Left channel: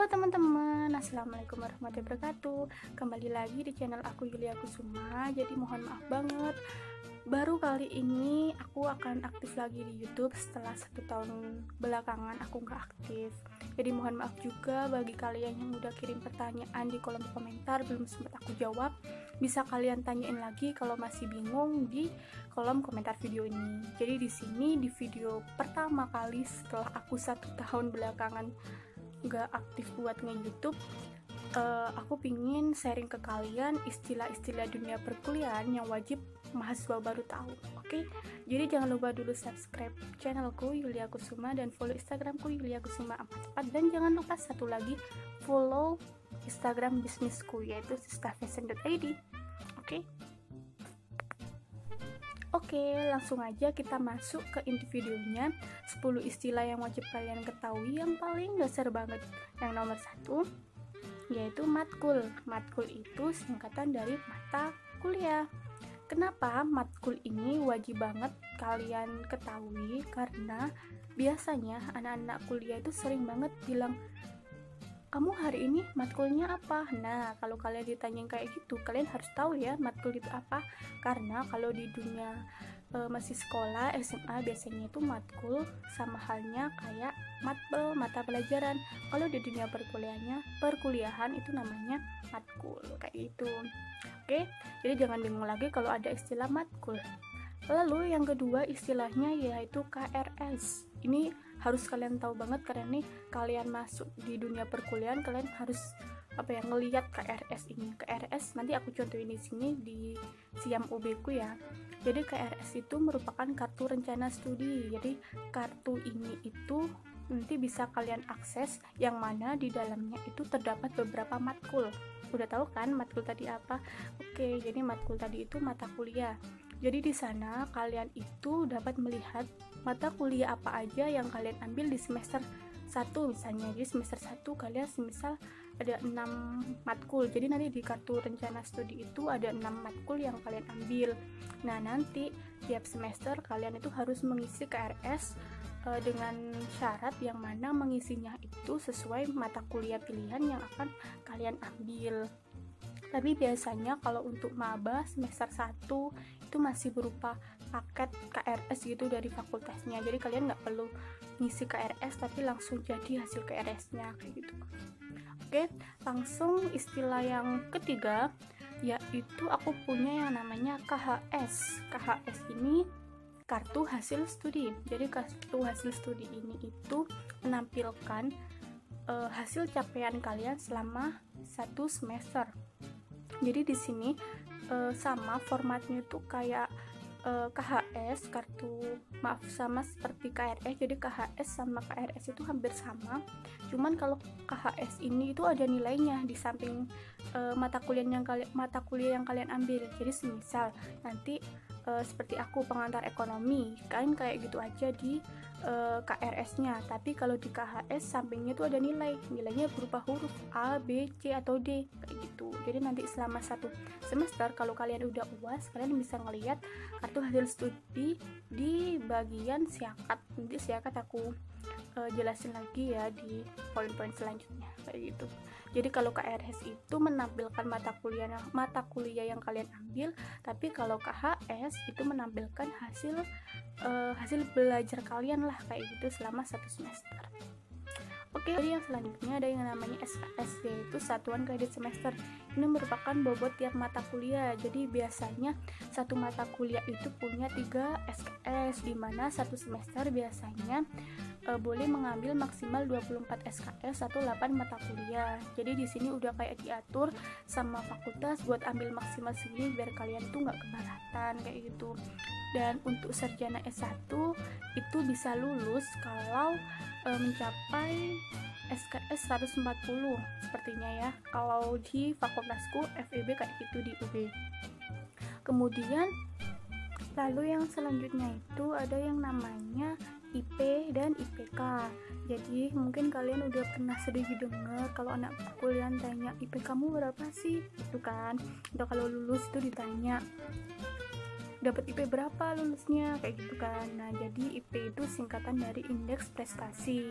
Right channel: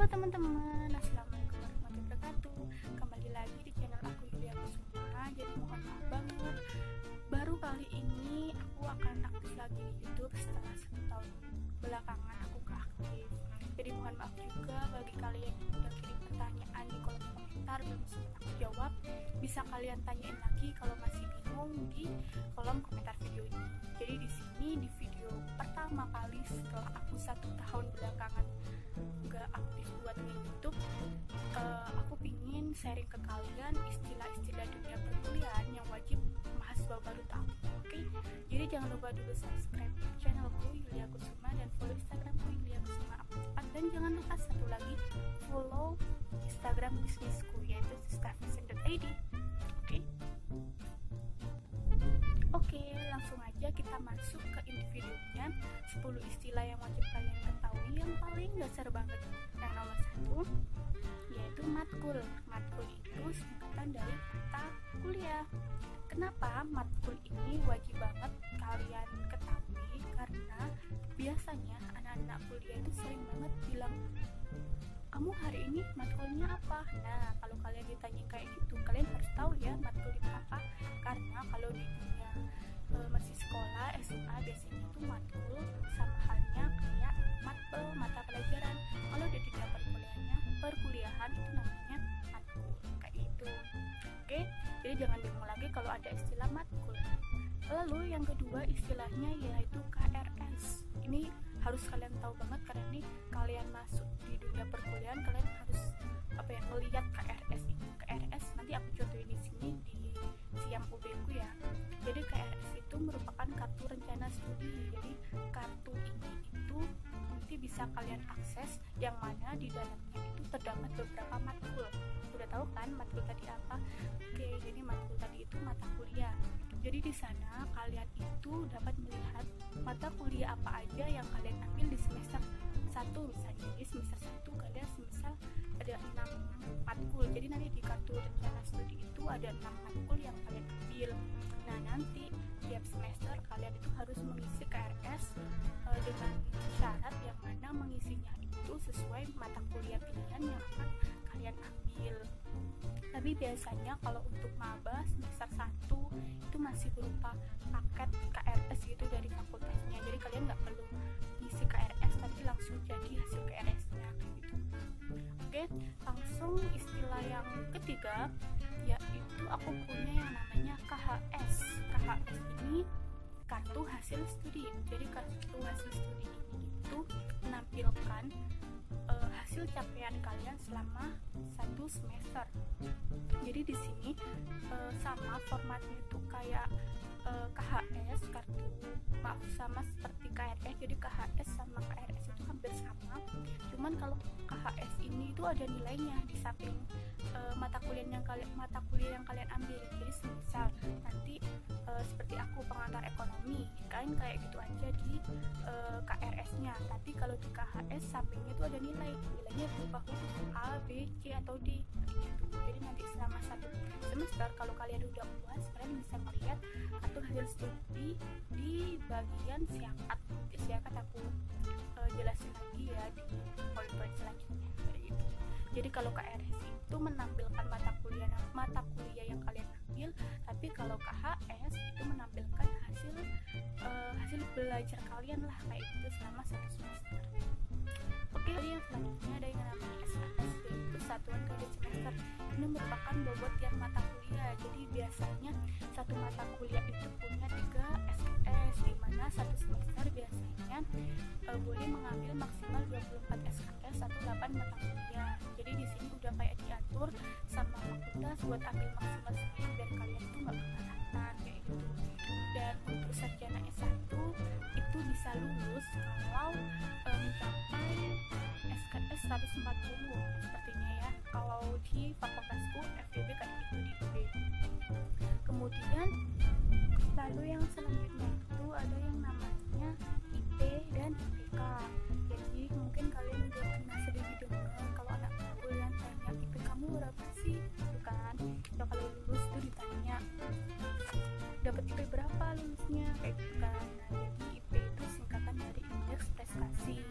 Halo teman-teman, assalamualaikum warahmatullahi wabarakatuh. Kembali lagi di channel aku Yulia Kusuma. Jadi mohon maaf banget, baru kali ini aku akan aktif lagi di YouTube setelah 1 tahun belakangan aku nggak aktif. Jadi mohon maaf juga bagi kalian yang udah kirim pertanyaan di kolom komentar belum sempat aku jawab. Bisa kalian tanyain lagi kalau masih bingung di kolom komentar video ini. Jadi di sini di video pertama kali setelah aku 1 tahun belakangan nggak aktif buat nge-YouTube, aku pingin sharing ke kalian istilah-istilah dunia perkuliahan yang wajib mahasiswa baru tahu. Oke? Jadi jangan lupa dulu subscribe channelku Yulia Kusuma dan follow Instagramku Yulia Kusuma 44, dan jangan lupa satu lagi follow Instagram bisnisku yaitu sistafashion.id. Oke, langsung aja kita masuk ke inti videonya. 10 istilah yang wajib kalian ketahui yang paling dasar banget. Yang nomor 1 yaitu matkul. Matkul itu singkatan dari mata kuliah. Kenapa matkul ini wajib banget kalian ketahui? Karena biasanya anak-anak kuliah itu sering banget bilang, kamu hari ini matkulnya apa? Nah, kalau kalian ditanyain kayak gitu, kalian harus tahu ya matkul itu apa. Karena kalau di dunia masih sekolah, SMA, biasanya itu matkul sama halnya kayak matbel, mata pelajaran. Kalau di dunia perkuliahan itu namanya matkul, kayak gitu. Oke, jadi jangan bingung lagi kalau ada istilah matkul. Lalu yang kedua istilahnya yaitu KRS. Ini harus kalian tahu banget karena nih kalian masuk di dunia perkuliahan, kalian harus ngelihat KRS ini. KRS nanti aku contohin di sini di siam UB ku ya. Jadi KRS itu merupakan kartu rencana studi. Jadi kartu ini itu nanti bisa kalian akses yang mana di dalamnya itu terdapat beberapa matkul. Udah tahu kan matkul tadi apa? Oke, jadi matkul tadi itu mata kuliah. Jadi di sana kalian itu dapat melihat mata kuliah apa aja yang kalian ambil di semester 1 misalnya. Jadi semester 1 kalian semisal ada 6 matkul. Jadi nanti di kartu rencana studi itu ada 6 matkul yang kalian ambil. Nah, nanti tiap semester kalian itu harus mengisi KRS dengan syarat yang mana mengisinya itu sesuai mata kuliah pilihan yang akan kalian ambil. Tapi biasanya kalau untuk maba semester 1 itu masih berupa paket KRS gitu dari fakultasnya. Jadi kalian nggak perlu ngisi KRS tapi langsung jadi hasil KRS-nya kayak gitu. Oke, langsung istilah yang ketiga yaitu aku punya yang namanya KHS. KHS ini kartu hasil studi. Jadi kartu hasil studi ini itu menampilkan hasil capaian kalian selama 1 semester. Jadi di sini sama formatnya itu kayak KHS, sama seperti KRS. Jadi KHS sama KRS itu hampir sama. Cuman kalau KHS ini itu ada nilainya di samping mata kuliah yang kalian ambil. Jadi semisal nanti seperti aku pengantar ekonomi, kan kayak gitu aja di KRS-nya. Tapi kalau di KHS sampingnya itu ada nilainya berupa huruf A, B, C atau D kayak gitu. Jadi nanti selama 1 semester kalau kalian udah UAS, kalian bisa ngelihat kartu hasil studi di bagian siakat. Nanti siakat aku jelasin lagi ya di poin-poin selanjutnya kayak gitu. Jadi kalau KRS itu menampilkan mata kuliah yang kalian ambil, tapi kalau KHS itu menampilkan hasil belajar kalian lah kayak gitu selama 1 semester. Oke, jadi yang selanjutnya ada yang namanya SKS, yaitu satuan kredit semester. Ini merupakan bobot tiap mata kuliah. Jadi biasanya satu mata kuliah itu punya 3 SKS, di mana 1 semester biasanya boleh mengambil maksimal 24 SKS atau 8 mata kuliah. Jadi di sini udah kayak diatur sama fakultas buat ambil maksimal segini biar kalian tuh nggak keberatan kayak gitu. Dan untuk sarjana S1 itu bisa lulus kalau mencapai SKS 140 sepertinya ya. Kalau di fakultasku FEB kayak gitu di UB. Kemudian lalu yang selanjutnya itu ada yang namanya IP dan IPK. Jadi mungkin kalian udah pernah sedikit dengar kalau anak perkuliahan tanya IP kamu berapa sih, itu kan. Udah kalau lulus itu ditanya dapat IP berapa lulusnya kayak gitu kan. Nah, jadi IP itu singkatan dari indeks prestasi.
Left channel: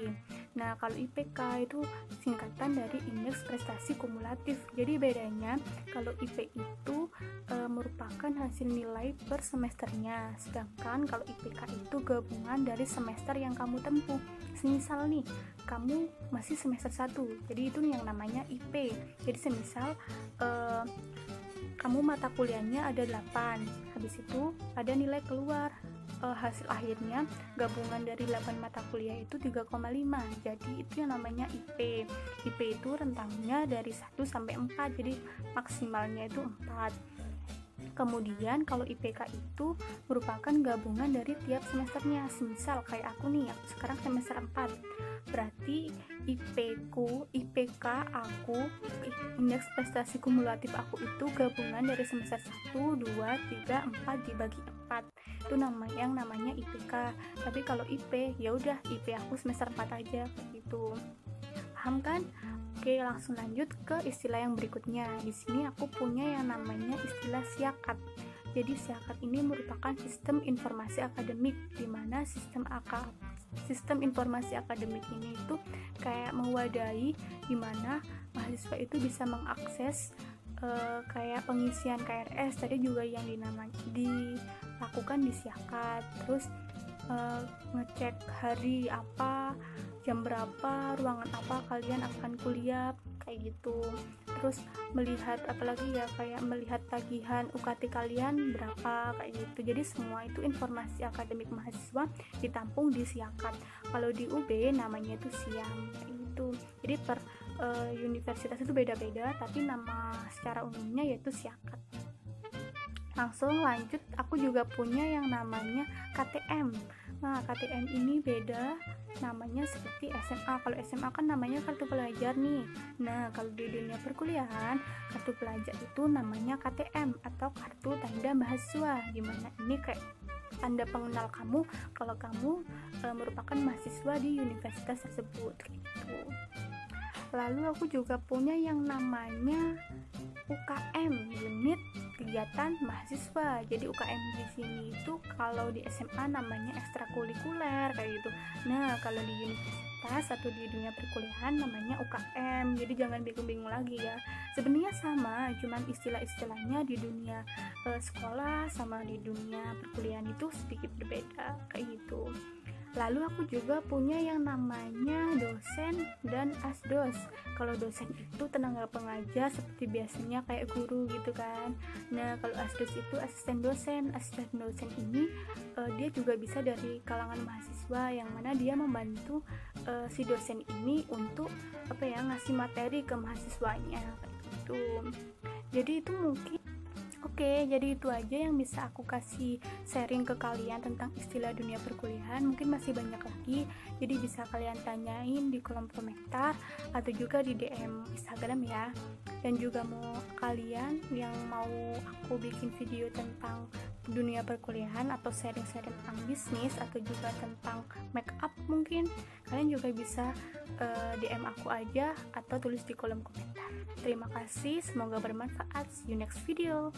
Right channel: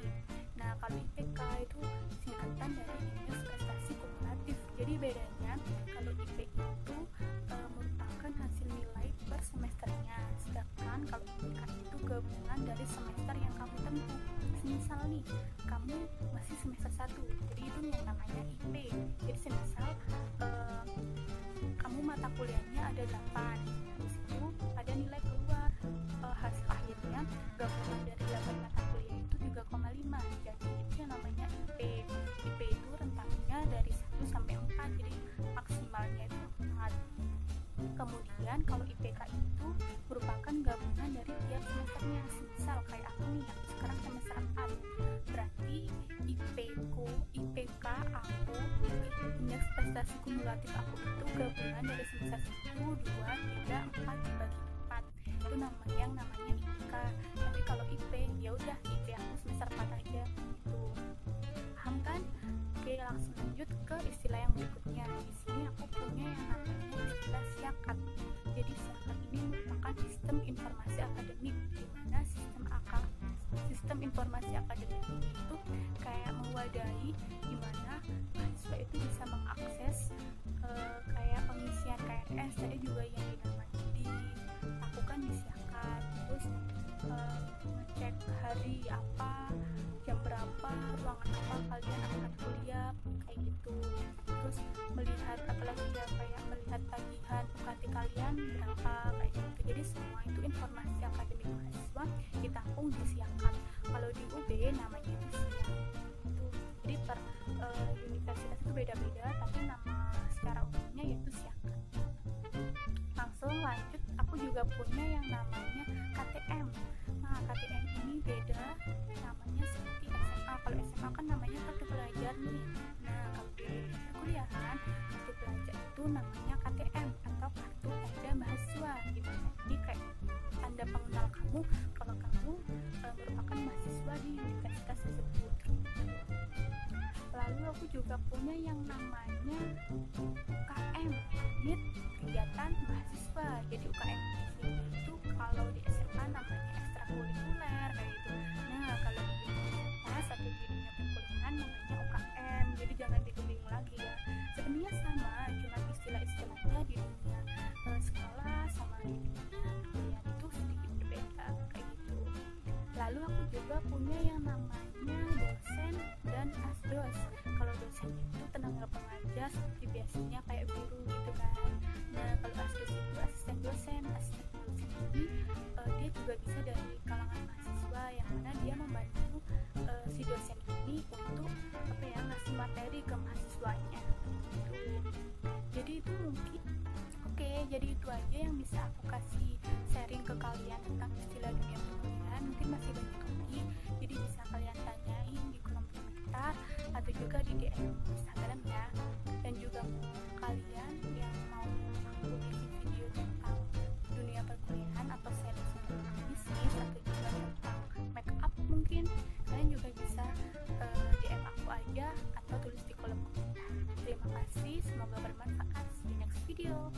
Nah, kalau IPK itu singkatan dari indeks prestasi kumulatif. Jadi bedanya kalau IP itu merupakan hasil nilai per semesternya, sedangkan kalau IPK itu gabungan dari semester yang kamu tempuh. Semisal nih, kamu masih semester 1, jadi itu yang namanya IP. Jadi semisal kamu mata kuliahnya ada 8, habis itu ada nilai keluar, hasil akhirnya gabungan dari 8 mata kuliah itu 3,5, jadi itu yang namanya IP. IP itu rentangnya dari 1 sampai 4, jadi maksimalnya itu 4. Kemudian kalau IPK itu merupakan gabungan dari tiap semesternya. Misal kayak aku nih yang sekarang semester 4, berarti IPK aku, indeks prestasi kumulatif aku itu gabungan dari semester 1, 2, 3, 4 dibagi 4. Itu yang namanya IPK. Tapi kalau IP, ya udah IP aku semester 4 aja gitu. Paham kan? Oke, langsung lanjut ke istilah yang berikutnya. Di sini aku punya yang namanya istilah siakat. Jadi siakat ini merupakan sistem informasi akademik, di mana sistem informasi akademik ini itu kayak mewadahi di mana mahasiswa itu bisa mengakses kayak pengisian KRS tadi juga yang dilakukan di siakat. Terus ngecek hari apa, jam berapa, ruangan apa kalian akan kuliah, kayak gitu. Terus melihat apalagi ya, kayak melihat tagihan UKT kalian berapa, kayak gitu. Jadi semua itu informasi akademik mahasiswa ditampung di siakat. Kalau di UB namanya itu siang gitu. Jadi per universitas itu beda-beda, tapi nama secara umumnya yaitu siakat. Langsung lanjut, aku juga punya yang namanya KTM. Nah, KTM ini beda namanya seperti SMA. Kalau SMA kan namanya kartu pelajar nih. Nah, kalau di dunia perkuliahan, kartu pelajar itu namanya KTM atau kartu tanda mahasiswa. Gimana? Ini kayak tanda pengenal kamu kalau kamu merupakan mahasiswa di universitas tersebut gitu. Lalu aku juga punya yang namanya UKM, unit kegiatan mahasiswa. Jadi UKM di sini itu kalau di SMA namanya ekstrakurikuler kayak gitu. Nah, kalau di universitas atau di dunia perkuliahan namanya UKM. Jadi jangan bingung-bingung lagi ya. Sebenarnya sama, cuman istilah-istilahnya di dunia sekolah sama di dunia perkuliahan itu sedikit berbeda kayak gitu. Lalu aku juga punya yang namanya dosen dan asdos. Kalau dosen itu tenaga pengajar seperti biasanya kayak guru gitu kan. Nah, kalau asdos itu asisten dosen. Asisten dosen ini dia juga bisa dari kalangan mahasiswa, yang mana dia membantu si dosen ini untuk ngasih materi ke mahasiswanya gitu. Jadi itu mungkin Oke, jadi itu aja yang bisa aku kasih sharing ke kalian tentang istilah dunia perkuliahan. Mungkin masih banyak lagi, jadi bisa kalian tanyain di kolom komentar atau juga di DM Instagram ya. Dan juga mau kalian yang mau aku bikin video tentang dunia perkuliahan atau sharing-sharing tentang bisnis atau juga tentang make up, mungkin kalian juga bisa DM aku aja atau tulis di kolom komentar. Terima kasih, semoga bermanfaat. See you next video.